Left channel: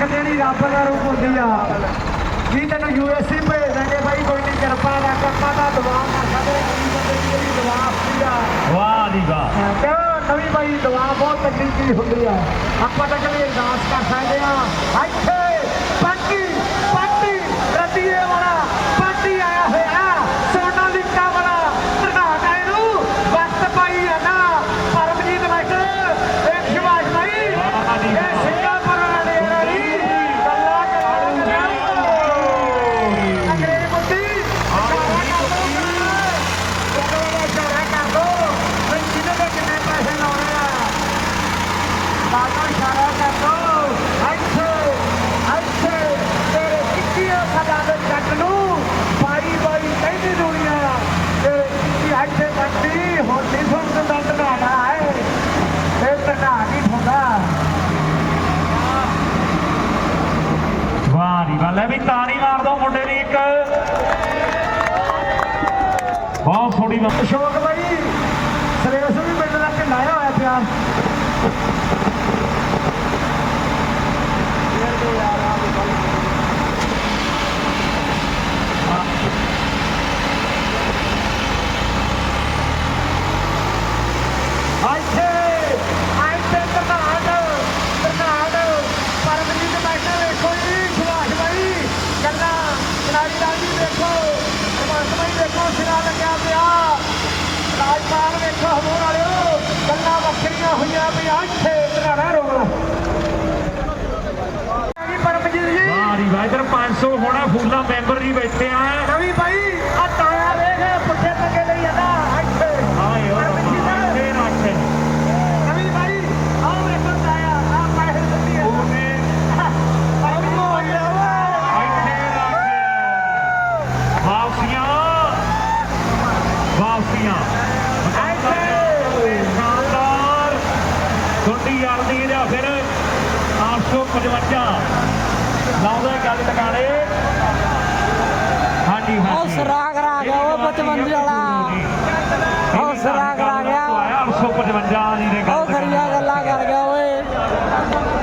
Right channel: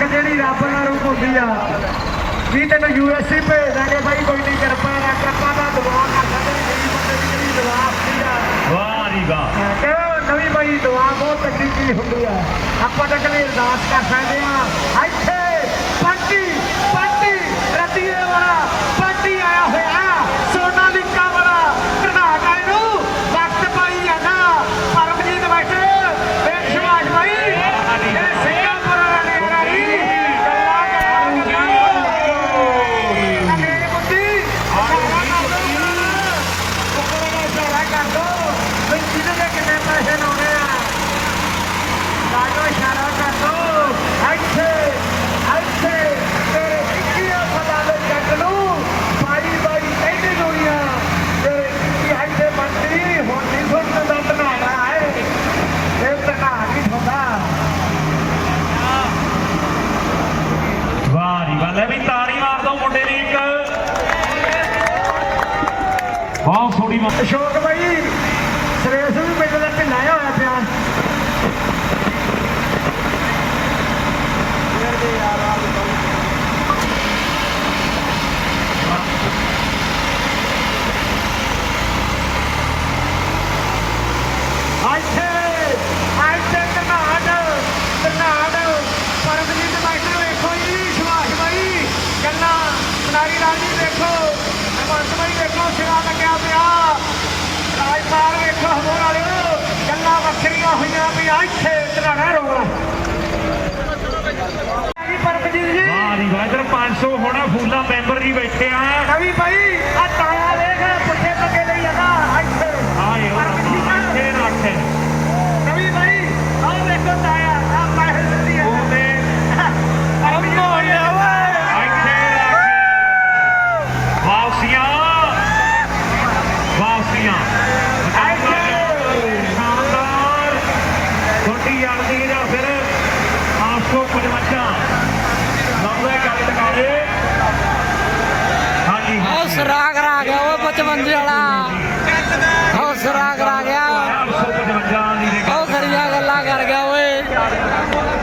ਇੱਕ ਜਿਹੜੀ ਰੱਬ ਨਾਲ ਹੁੰਦੀ ਆ। ਵੀ ਤੈਨੂੰ ਯੂਐਸਏ ਭੇਜ ਦਾਂਗੇ ਬਾਈ ਕੋਈ ਨਹੀਂ ਕਿਰਪਾ ਰੱਖ ਆਪਾਂ ਦਾ ਦੁਆ ਕਰ ਸਕਦੇ ਗਰੀਬ ਬੰਦੇ ਦੀ ਜਿਹੜੀ ਦੁਆ ਹੁੰਦੀ ਆ। ਵਾਹ ਜੀ ਵਾਹ। ਹਾਂ, ਕਿ ਨਵੀਂ ਬਾਈ ਦੁਆ ਬਹੁਤ ਚੀਜ਼ ਹੁੰਦੀ ਆ। ਆਪਾਂ ਤਾਂ ਕਦੇ ਅਰਦਾਸ ਕਰ ਸਕਦੇ ਆ। ਇੱਥੇ ਪੰਟੀ ਪੰਟੀ ਰਤੀਏ ਵਾਲਾ ਪੰਟੀ ਆਇਆ ਹੋਇਆ ਸੋਨਾ ਲਿਕਾ ਵਾਲਾ ਪ੍ਰਧਾਨ ਆਏ ਨੂੰ ਵਕਤ ਪਾਈ ਜਾਂਦਾ ਪਰਮਜੀਤ ਬੈਠੇ ਇਹ ਸ਼ਿਵਾਜ ਭਾਈ ਇਹ ਸਿੰਗਾਪੁਰ ਦੇ ਨੇੜੇ ਅੰਗਰੇਜ਼ ਬੁੱਧੀ ਕੋਕੜਾ ਇਸ਼ਾਰਾ ਕਰ ਦੋ ਵੀ ਜਿਹਦੇ ਤੇ ਕਿੰਨੇ ਪੈਸੇ ਲਾਉਣੇ ਆ ਬਾਗਾ ਇਸ਼ਾਰਾ ਕਰ ਦੋ ਇੱਥੇ ਇੱਥੇ ਤੇਰੇ 21 ਸਾਲਾਂ ਦੇ ਜੱਟ ਨੂੰ ਬਾਈ ਬਾਈ ਕਹਿੰਦੀ ਦੁਨੀਆ ਤੇਰੇ 21 ਇੱਥੇ ਬੰਦੀ ਹੁਣ ਨਹੀਂ ਸੁਣਨ ਦਾ ਧਨਾਣਾ ਹੈ ਇਹ ਧਨਾ ਨਹੀਂ ਹੁੰਦਾ ਵਾਹ ਜੀ ਵਾਹ ਲੈ ਵੀ ਤਾੜੀ ਮਾਰ ਦੋ ਮੁੰਡੇ ਦੀ ਇੱਕ ਬਹੁਤ ਸੋਹਣੀ ਬਾਤ ਅਸ਼ੋਕ ਬਾਈ ਸਰੇਸ ਵੀ ਪਿੰਡ ਦਾ ਢਿੱਲਾਇਆ ਹੋਇਆ ਪਿਆ ਇੱਥੇ ਇੱਥੇ ਕਰਨਾਟ ਕਰਨਾਟ ਪਰਮਜੀਤ ਬਾਈਟਰ ਵੇਖੋ ਜੀ ਸੁਭਾਸ਼ ਬਾਈ ਗੱਲਾਂ ਕਨਾਰੀ ਰਾਜੀ ਦੇਖੋ ਸੁਭਾਸ਼ ਬਾਈ ਦੇਖੋ ਸਿਰਾ ਲੱਗਿਆ ਪਿਆ ਰਾਜਪਾਲ ਵੇਖੋ ਹੋਰ ਵਾਲਿਓ ਗੱਲਾਂ ਵੱਖਰੀਆਂ ਹੋਈਆਂ ਵੀ ਇੱਥੇ ਕਰਨਾੜਾ ਰੋ ਪਰਮਜੀਤ ਜੀ ਵਾਹ ਜੀ ਵਾਹ 500 ਹੋਣਾ ਫੂਲਾ ਮੈਂਬਰ ਜੀ ਬੈਠੇ ਆ। ਕਵੀ ਭਾਈ ਆ ਤਾਇਆ ਵੇਖ ਪਿੱਛੇ ਲੱਗੇ ਲਈ ਜਾਂਦਾ ਇੱਥੇ। ਆਏ ਉਹ ਇੱਥੇ ਰੱਖੇ ਕਵੀ ਭਾਈ ਆਹ ਦੇਖੋ ਤਾਇਆ ਆ। ਪੈਸੇ ਦਿੱਤੀ ਹੈ ਉਹਨੇ ਅੰਮੋ ਲਿਆਵੇ ਇੱਥੇ ਰੱਖੇ। ਵਾਪਸੀਆਂ। ਵਾਪਸੀਆਂ। ਸ਼ਾਨਦਾਰ। ਛੋਟੀ ਆਲਦੀ ਦਾ ਫਿਰ 855 ਲਾਉਂਦੇ ਗੱਲ ਟਿਕਾਣੇ। ਹਾਂਜੀ ਉਹ ਹਾਂਜੀ ਸਰਾਗ ਰਾ ਗਿਆ ਉਹ 55 ਵਾਲਾ। ਉਹ ਸਰਾਗ ਰਾ ਗਿਆ 855 ਦੀ ਦੇ ਉਹ ਖਰੀਆਂ ਗੱਲਾਂ ਕਰ ਗਿਆ ਓਏ।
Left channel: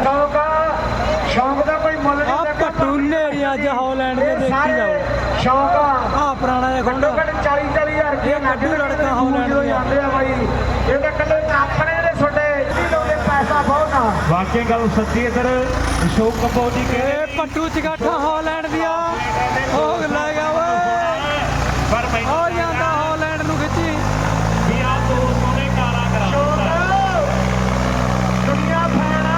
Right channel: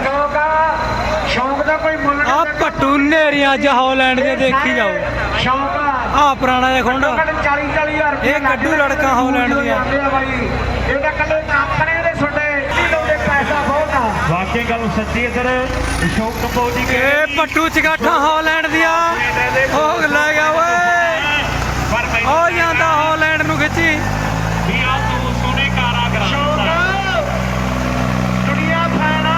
ਕਿਉਂਕਿ ਸ਼ੌਂਕ ਦਾ ਕੋਈ ਮੁੱਲ ਆ ਪੱਟੂ ਨੇਰੀਆਂ ਅੱਜ ਹਾਲੈਂਡ ਦੇ ਦੇਖੀ ਜਾਓ। ਸ਼ੌਂਕ ਆ। ਪੁਰਾਣਾ ਜਿਹਾ ਖੁੰਡ। 40 40000 ਰੁਪਏ ਇਹ ਕੱਢੂ ਲੜਕਾ ਹਾਲੈਂਡ ਦੀਆਂ। ਜਾਂਦੇ ਆ ਬਾਈ। ਇਹ ਤਾਂ ਕੱਲੇ ਆਪਣੇ ਦੇ ਛੋਟੇ ਨਹੀਂ ਲਾਉਂਦੇ ਪੈਸਾ ਬਹੁਤ ਆ ਵਾਕਈ ਗੱਲ ਸੱਚੀ ਇਧਰ ਅਸ਼ੋਕ ਕਪੂਰ ਜੀ ਕੇ ਇਹ ਪੱਟੂ ਚਗਾਠਾ ਹਾਲੈਂਡ ਦੀਆਂ। ਉਹ ਲੈ ਗਿਆ ਓਏ। ਉਹ ਜਾਂਦਾ ਹਾਲੈਂਡ ਨੂੰ ਖਿੱਚੀ। ਵੀ ਆ ਤੂੰ ਸੋਨੇ ਕਾਰਾ ਕਰਾ ਦੁਨੀਆ ਫਾਣਾ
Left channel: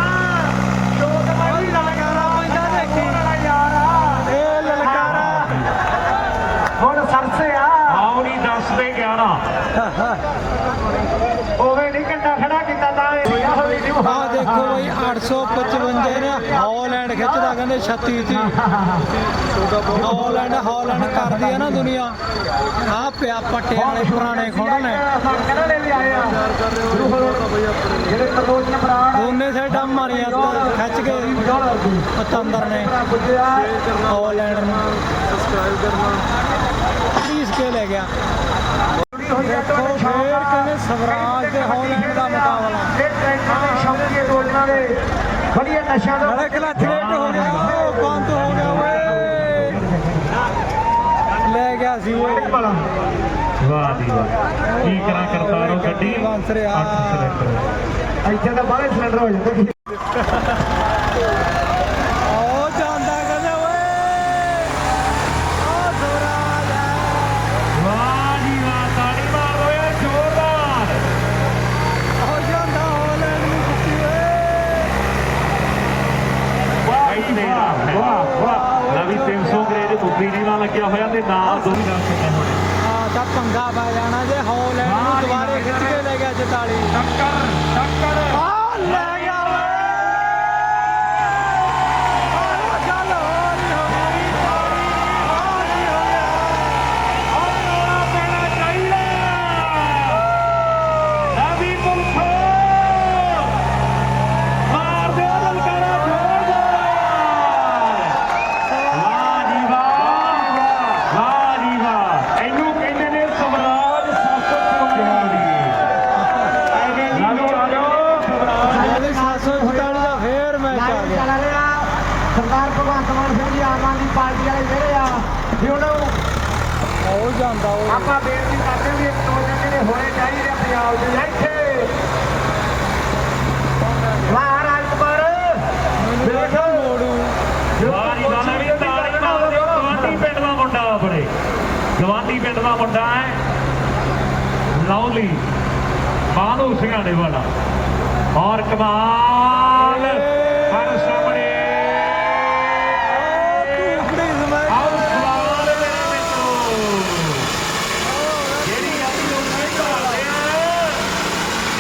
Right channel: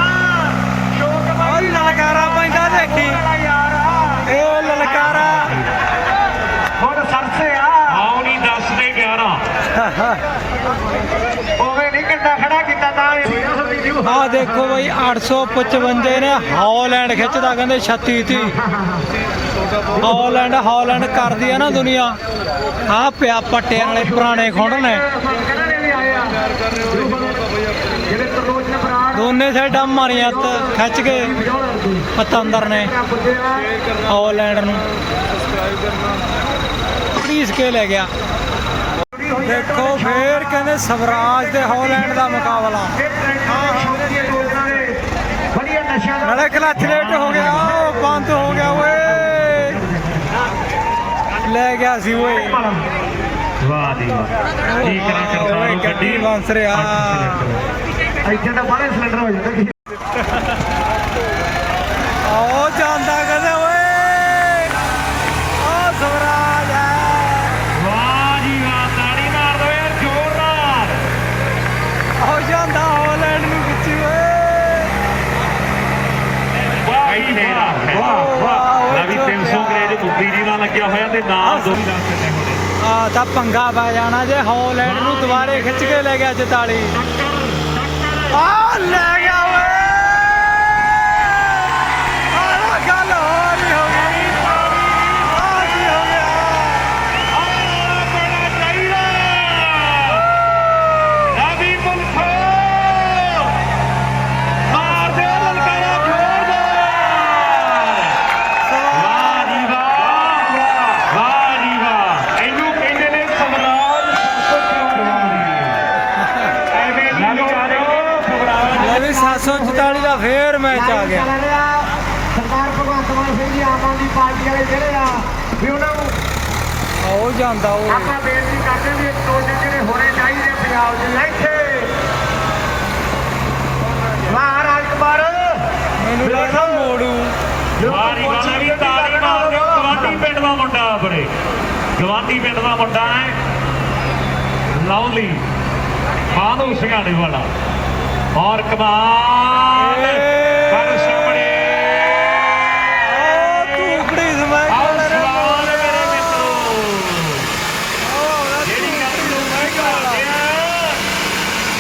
ਸ਼ੌਂਕ ਉਹ ਬਾਈ ਲਲਕਾਰਾ ਪੈਂਦਾ ਦੇਖੀ। ਮੇਰਾ ਯਾਰ ਆ ਇਹ ਲਲਕਾਰਾ। ਹੁਣ ਸਰਸੇ ਆ। ਆਉਣੀ 10 ਦੇ 11 ਉਵੇਂ ਨਹੀਂ ਕਿੰਨਾ ਖੜਾ ਕੀਤਾ ਤਾਂ ਇਹ ਹੋਇਆ ਹੋਈ ਜੀ ਆ ਦੇਖੋ ਬਈ 855 ਨੇ ਹੌਲੈਂਡ ਖਿੱਚਦਾ, ਕਹਿੰਦੇ 36 ਤੀ ਹਾਲੈਂਡ ਹਾਲੈਂਡ ਕਰਦੀ ਆ ਨਾ ਦੁਨੀਆ। ਆ ਪਿਆ ਪੱਟਿਆਂ ਵਾਲੇ ਪੁਰਾਣੇ ਖੁੰਡ ਨੇ। ਦੋਨੇ ਸਾਈਡਾਂ ਮਾਰੀਆਂ ਖਿੱਚ ਕੇ ਪਤੰਦਰ ਨੇ, ਹੌਲੈਂਡ ਨੂੰ। ਪਲੀਸ ਕੇ ਲੈ ਗਿਆ। ਦੇਖੋ ਫੇਰ ਕਹਿੰਦੇ ਸਵਰਾਜ ਤੇ ਹਾਲੈਂਡ ਦਾ ਮੁਕਾਬਲਾ। ਵਧੀਆ ਨਸ਼ਾ ਦਾ ਨਾਲੇ ਕਲੱਚ ਲੇਟ ਹੋ ਗਿਆ ਉਹ ਬੰਦ ਹੋ ਗਿਆ ਓਏ। ਲੈ ਗਿਆ ਸੀ ਓਏ। ਵਾਹ ਦੀ ਵਾਹ। ਕੀ ਕਰਾਂ ਕਰਦਾ ਨੂੰ ਗੱਡੀ ਬੰਸ ਰਿਹਾ। ਇੱਥੇ ਤਾਂ ਬਾਹਲੇ ਸਿਲੰਡਰ ਹੋ ਜਾਂਦੇ ਆਓ ਜਾਂਦਾ ਕਹਿੰਦੇ ਓਏ ਆ ਸਵਰਾਜ ਆ ਵਾਹ ਜੀ ਵਾਹ ਤਾੜੀ ਮਾਰ ਦੋਏ ਜ਼ੋਰਦਾਰ ਆਓ ਜਾਂਦਾ ਹਾਲੈਂਡ ਨੂੰ ਖਿੱਚੀ ਓਏ ਇੱਥੇ ਰੱਖਿਆ ਲੈ ਵੀ 300 ਗ੍ਰੇਡ ਬੁੱਧੀ ਜੀ ਨਾਲ ਲੱਗਿਆ ਹੋਇਆ ਤੇ ਨਾਲ ਦੋ ਹੀ ਦੱਸ ਦਿੰਦੇ ਹੋਣੇ ਆ ਤਾਂ ਪੰਗਾ ਪੈ ਜਾਣਾ ਜੇ ਹਾਲੈਂਡ ਨੂੰ ਦੁਬਾਰੇ ਖਿੱਚ ਕੇ ਲੈ ਗਿਆ 44 ਆ ਐਵੇਂ ਨਹੀਂ ਇਹ ਵੀ 744 ਦਾ ਫੇਰ ਮੈਚ ਆ ਗਿਆ ਸਰਦਾਰ ਭਗਵੰਤ ਮਾਨ ਸਿੰਘ ਜੀ ਆਮ ਆਦਮੀ ਪਾਰਟੀ ਵਾਲੇ ਜਿਹੜੇ ਆ ਵੀ ਉਹਨਾਂ ਨੂੰ ਉਹ ਜਾਂਦਾ ਉਹ। ਆਪਾਂ ਬੇਨਤੀ ਕਰਦੇ ਵੀ ਇਹ ਪ੍ਰੋਜੈਕਟ ਜਿਹੜੇ ਹੋਣੇ ਚਾਹੀਦੇ ਪੰਜਾਬ ਦੇ ਇੱਥੇ ਵਾਹ ਰਾਜਕੁਮਾਰ ਮੈਨੂੰ ਲੱਗਦਾ ਮੋੜੂ। ਵਾਰੀ ਗਾਣਾ ਵੀ ਤਾੜੀ ਮਾਰ ਦਿਓ ਗਵਾਂਢੀ ਪਿੰਡ ਦਾ ਮੁੰਡਾ ਆਪਣੇ। ਗਵਾਂਢੀ ਪਿੰਡ ਦਾ ਮੁੰਡਾ ਹੈ। ਲਵਲੀ ਬਾਨੂ ਸਿੰਘਾੜੇ ਵਾਲਾ। ਔਰ ਕਮਾਲ ਕਰ ਸਾਹਮਣੇ ਉਹ ਤੂਕੜੀ ਸਮਾਈ ਆਓ ਸਵਾਲ ਮੇਰੇ ਮਿੱਤਰੋ ਜਿਹੜੀ ਗੱਲ ਨੂੰ ਮੈਂ ਕਹਾਉਂਦੇ ਆ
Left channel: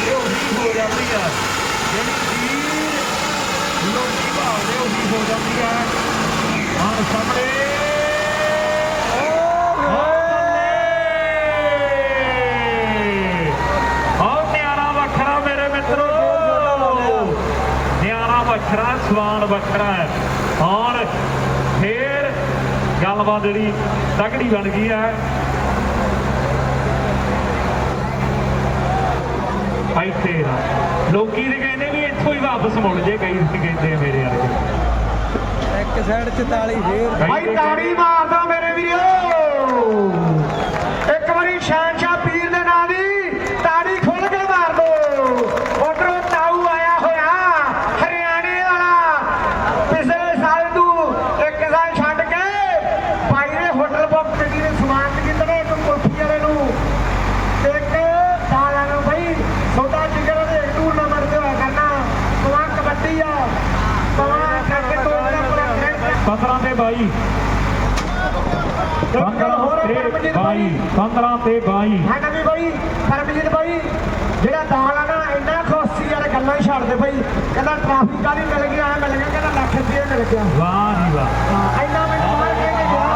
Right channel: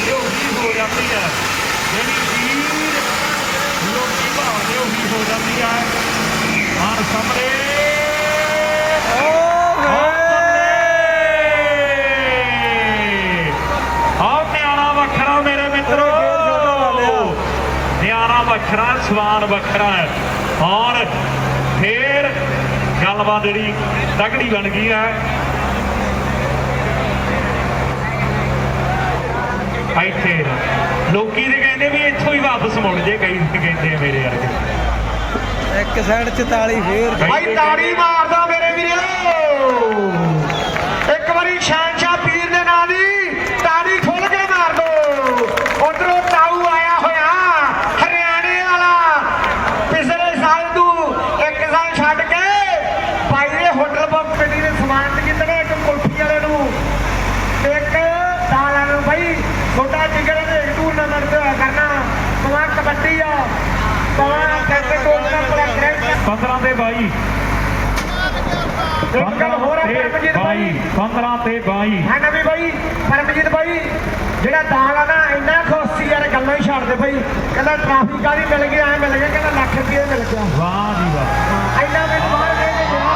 ਇਹ ਉਹੀ ਹੋ ਜਾਂਦੀ ਹੈ ਜਿਹੜੀ ਚੀਜ਼ ਲੋਕੀ ਭਾਲਦੇ ਉਹੀ ਹੋ ਜਾਂਦੀ ਹੈ ਆਹ ਸਾਹਮਣੇ ਉਹ ਵੇ ਆਓ ਨਿਆਰਾ ਵੱਖਰਾ ਮੇਰੇ ਮਿੱਤਰੋ ਗੇਰ ਛੋਟਾ ਲਾ ਲਿਆ। ਨਿਆਰਾ ਸਵਾਨ ਵੱਖਰਾ ਹੈ। ਔਰ ਫੇਰ ਗੱਲਬਾਤ ਜਿਹੜੀ ਤਕੜੀ ਬਣ ਗਈ ਹੈ। ਇੱਥੇ ਲੋਕੀ ਦੇ ਕਹਿੰਦੇ ਵੀ ਇੱਥੋਂ ਹੀ ਵਾਪਸ ਮੁੜ ਜੇ ਕਈ ਕਹਿੰਦੇ ਮੇਰੇ ਵਰਗੇ। ਇੱਕ ਸਾਈਡ 44 ਫੇਰ। ਭਾਈ ਤਾੜੀ ਮਾਰਦਾ ਮੇਰੇ ਵੀਰੋ ਇੱਕ ਵਾਰੀ ਸ਼ਹਿਨਸ਼ਾਹ ਪੀਰ ਦੇ ਨਾਂ ਦੀ ਤਾੜੀ ਖੁੱਲ ਕੇ ਮਾਰ ਦੋ ਉਧਰੋਂ ਕਾਊ ਆਇਆ ਹੋਇਆ ਹਰਿਆਣੇ ਵਾਲਾ ਪਿਛਲੇ ਸਾਲ ਤੂੰ ਇੱਕ ਸਾਲ ਛੱਡ ਕੇ ਭਾਈ ਦੇ ਹੋਟਲ ਬੁੱਕ ਕਮੇਟੀ ਨੇ ਸਮਾਨ ਕੀਤਾ ਵਾ ਇੱਕ ਕੁਲਫੀ ਵਾਲੇ ਨੂੰ ਇੱਕ ਦਾਲਾਂ ਨੂੰ ਭਾਈ ਛੋਟਾ ਜਿਗਰ ਦੇ ਟੂਰਨਾਮੈਂਟ ਹੋਇਆ ਕਰਨਾ ਸਵਾ ਕਬੱਡੀ ਆ ਸਵਾ ਕ੍ਰਿਕਟ ਦਾ ਪੂਰਾ ਕ੍ਰਿਕਟ 15 ਤੇ 22 ਇੱਕ ਗੱਲ ਹੋਰ ਹੈ ਪਰਮਜੀਤ ਬਾਈ। 15 ਤੇ 22 ਹੈ ਨਾ ਵੀ ਬਾਈ ਪਰਮਜੀਤ ਬਾਈ। ਜਿਹੜਾ ਦਾਲ ਆ ਨਾ ਇੰਨਾ ਖੁਸ਼ੀ ਯਾਰ ਗੱਲਾਂ ਹੀ ਛੱਡ ਦੇ ਬਈ ਕਹਿੰਦਾ ਟ੍ਰੈਫਿਕ ਕਾਹਦੀ ਮਿਲ ਗਿਆ ਐ ਮਿਲ ਗਿਆ ਕਹਿੰਦਾ ਲੱਖ ਰੁਪਏ ਮਿਲ ਗਿਆ। ਵਾਹ ਜੀ ਵਾਹ। ਇੰਨਾ ਮੈਨੂੰ ਬਾਹਰ ਦੇ ਕੇ ਗਿਆ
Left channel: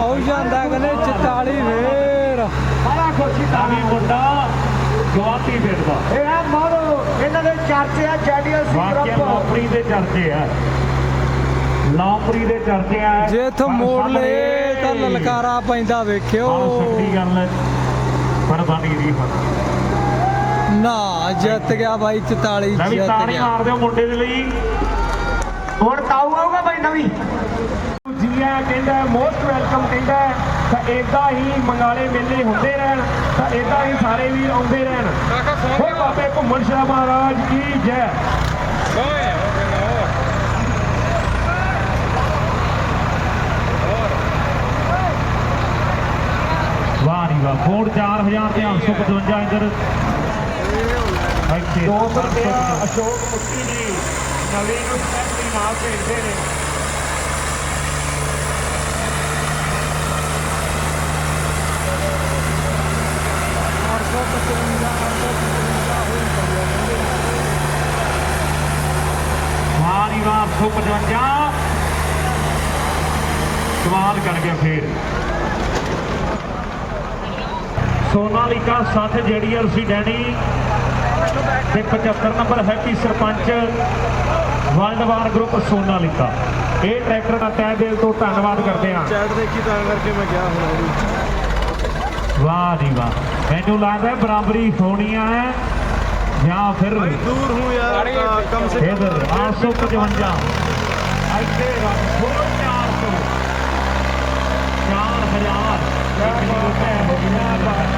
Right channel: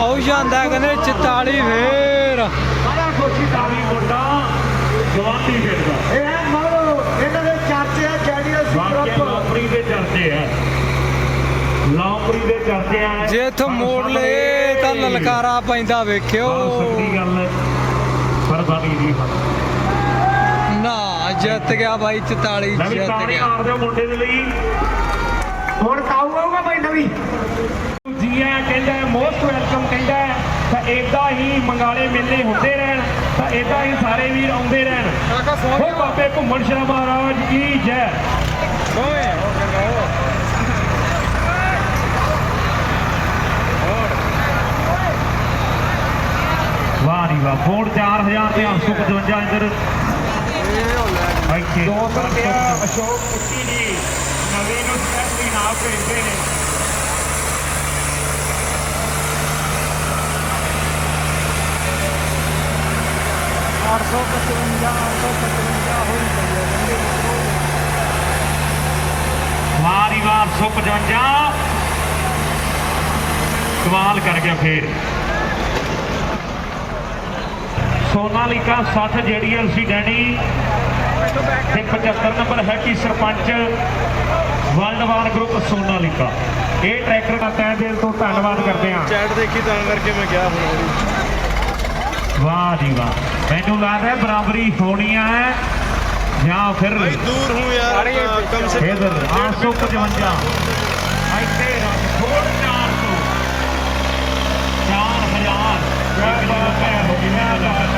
ਆਉ ਜਾਂਦਾ ਕਹਿੰਦੇ 44 ਫੇਰ। ਬੜਾ ਖੁਸ਼ੀ ਦਾ ਮੁੰਡਾ ਜਵਾਨੀ ਫਿਰਦਾ ਇਹ ਹੈ ਮੋਰੋ ਇਹਨਾਂ ਦੇ ਚਰਚੇ ਆ ਜੈਡੀਐਸ ਵਾਕਿਆ ਗਰੁੱਪ ਲਾਪਰੀ ਦੇ ਚਰਚੇ ਆ। ਲਾਪਰੀ ਦੇ ਚਰਚੇ ਆ। ਜੇ ਇੱਥੋਂ ਮੋੜ ਲਏ ਤਾਂ ਲਲਕਾਰਾ ਪੈਂਦਾ ਵੇਖਿਓ। ਸਕਦੀ ਗੱਲ ਹੈ ਪਰ ਬਣ ਗਈ ਜੀ ਨਾ ਜਿੱਤ ਗਿਆ ਬਾਈ 44 ਮੈਂ ਵੀ ਜਿੱਤ ਤਾੜੀ ਗਿਆ। ਮਾਰ ਦਿਓ ਮੁੰਡੇ ਦੇ ਲਈ। ਹੁਣ ਕਾਊ ਆਊਗਾ ਬਾਈ ਨਵੀਂ। ਜੀ ਆ ਕਹਿੰਦਾ ਮੋਸਟ ਵੈਲਕਮ ਕਹਿੰਦਾ ਹੈ, ਤਾਂ ਇਦਾਂ ਹੀ ਮੰਗਾਲੇ ਮੇਲੇ ਹੁੰਦੇ ਰਹਿਣ ਤਾਂ ਇਦਾਂ ਹੀ ਸਾਰੇ ਵੀਰ ਆਉਂਦੇ ਰਹਿਣ। ਹੋ ਬਾਬੇ ਘੁੰਮਣ ਸ਼ਾਹ ਮਹਾਰਾਜ ਕੀ ਜੈ। ਵਾਹ ਕੋਡ 4000 ਤੇ 855 ਇੰਦਰ ਇੱਥੇ 200 ਰੁਪਏ ਅਸ਼ੋਕ ਕੁੱਤੀ ਜੀ ਨਵੀਂ ਨੂੰ ਪੱਤੀ ਨਾਲ ਭੇਜਦੇ ਨੇ। ਵਾਰੀ ਵਾਰ ਸੁੱਕ ਜਾਂਜਾ ਕਮਾਲ ਕਰ ਗਿਆ ਫੇਰ ਸੋਨਾਲੀਕਾ 60 ਜੇਡੀਐਲ ਸੀ ਡੈਡੀ ਤੇ 75 number Happy sarpanch world war group Sonalika. ਇਹ ਟਰੈਕਟਰ ਦਾ ਤਹਿ ਦਿਲ ਤੋਂ ਧੰਨਵਾਦ ਕਰਦੇ ਹਾਂ। ਚੈਟ ਦੇਖੀ ਤਾਂ ਕਰਕੇ ਮੈਂ ਗਿਆ ਹੁਣ ਵਾਹ ਜੀ ਵਾਹ। ਮੈਨੂੰ ਲੱਗਦਾ ਹੈ ਬਰਾਬਰੀ ਹੋਣੀ ਹੈ ਜਾਂ ਫਿਰ ਦੂਰ ਹੂੰ ਯਾਰ ਕਮ ਸੇ ਇਧਰ 855 ਇੱਥੇ ਹੋਰ 400 4000 ਇੱਕ ਲੱਖ ਰੁਪਏ ਇਹਨੂੰ ਕਹਿੰਦੇ ਨੇ ਹੋਰ 4000 ਇਹਨੂੰ ਆਓ ਸਾਰੇ ਕਰੋ। ਜਿਹੜੀ ਗੱਲਬਾਤ ਆਹ ਮਾਰਿਆ ਬੁਆ ਨੇ ਹੋਰ ਦੀ ਵਿਕਾਰ ਵਿੱਚ ਲੋੜ ਪੁੱਲ ਗਈ ਇਹਨੂੰ ਕਹਿੰਦੇ ਨੇ ਹੋਰ ਵਾਕਿਆ ਗੱਲ ਸਹੀ ਹੈ ਜੀ।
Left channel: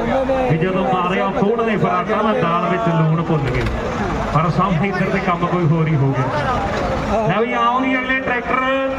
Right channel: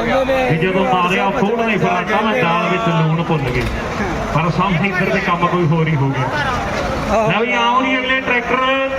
ਵੀ ਜਦੋਂ ਮਾਰਿਆ ਨੇ ਫਾਟਾ ਨਾ ਦਾਲ ਵਿੱਚ ਲੂਣ ਭੁੱਲ ਗਏ। ਪਰ ਸਾਹਮਣੇ ਇੱਧਰ ਦੇ ਕੰਮ ਕੋਈ ਹੋਰ ਹੀ ਹੋ ਗਿਆ। ਲੈ ਵੀ ਆਉਂ ਨਹੀਂ ਅਗਲੇ ਟਰੈਕਟਰ।